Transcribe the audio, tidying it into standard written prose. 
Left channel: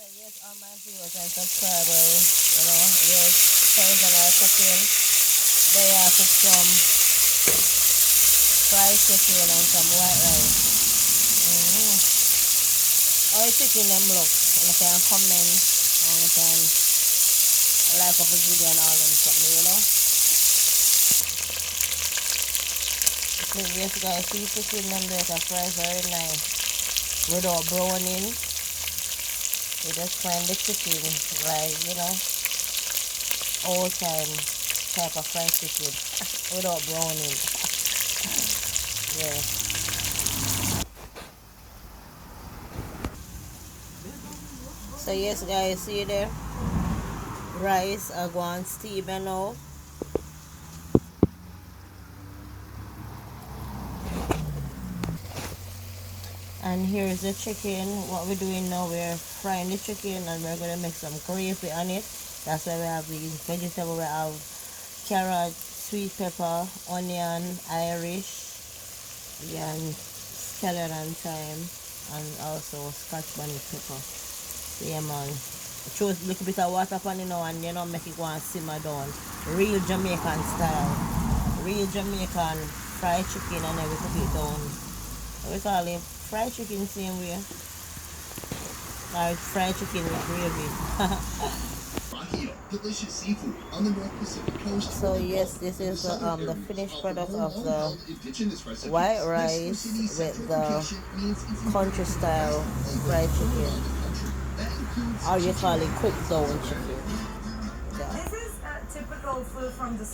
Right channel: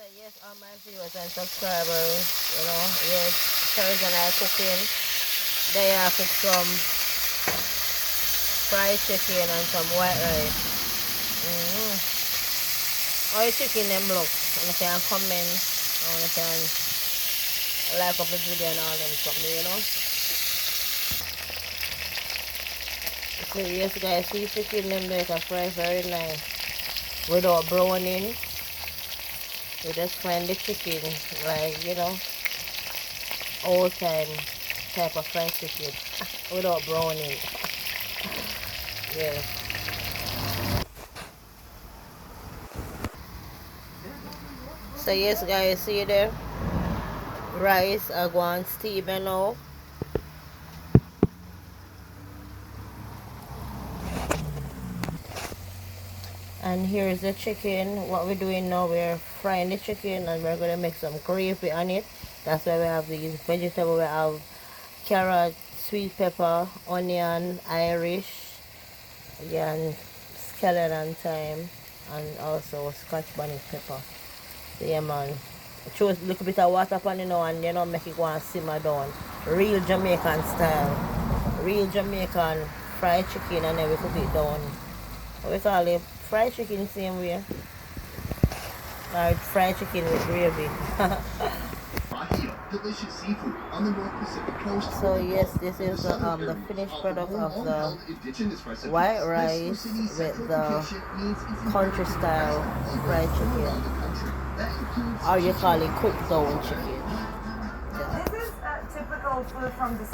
So yes, all my viewers and subscribers, yes, Thursday night cooking. They have some fried chicken and some white rice. How you chicken them look? You can comment, or you can like up the video and all them something. So yes guys, see chicken them make a fry very nice. Without browning. You just find the chicken, right, old time type of fried chicken without browning. Yeah. So yes guys, see there? Rice I go on steam now. And here's the chicken. What we're doing now, we're frying the chicken and we're going to make some gravy on it. That's why we have these vegetables. We have carrot, sweet pepper, onion, Irish, again, scallion and thyme, and also scotch bonnet pepper. So yeah man, choose a little bit of water on it now and make it go and simmer down. Real Jamaican style. Real Jamaican fried chicken and then we cook it down. What we call it? Fried chicken same way. Or fried chicken with gravy. Delicious seafood on the North Pacific coast. So yes, this is the finished product of the white rice with the country style fried chicken. Or you call it cooked down chicken. This is typical food from the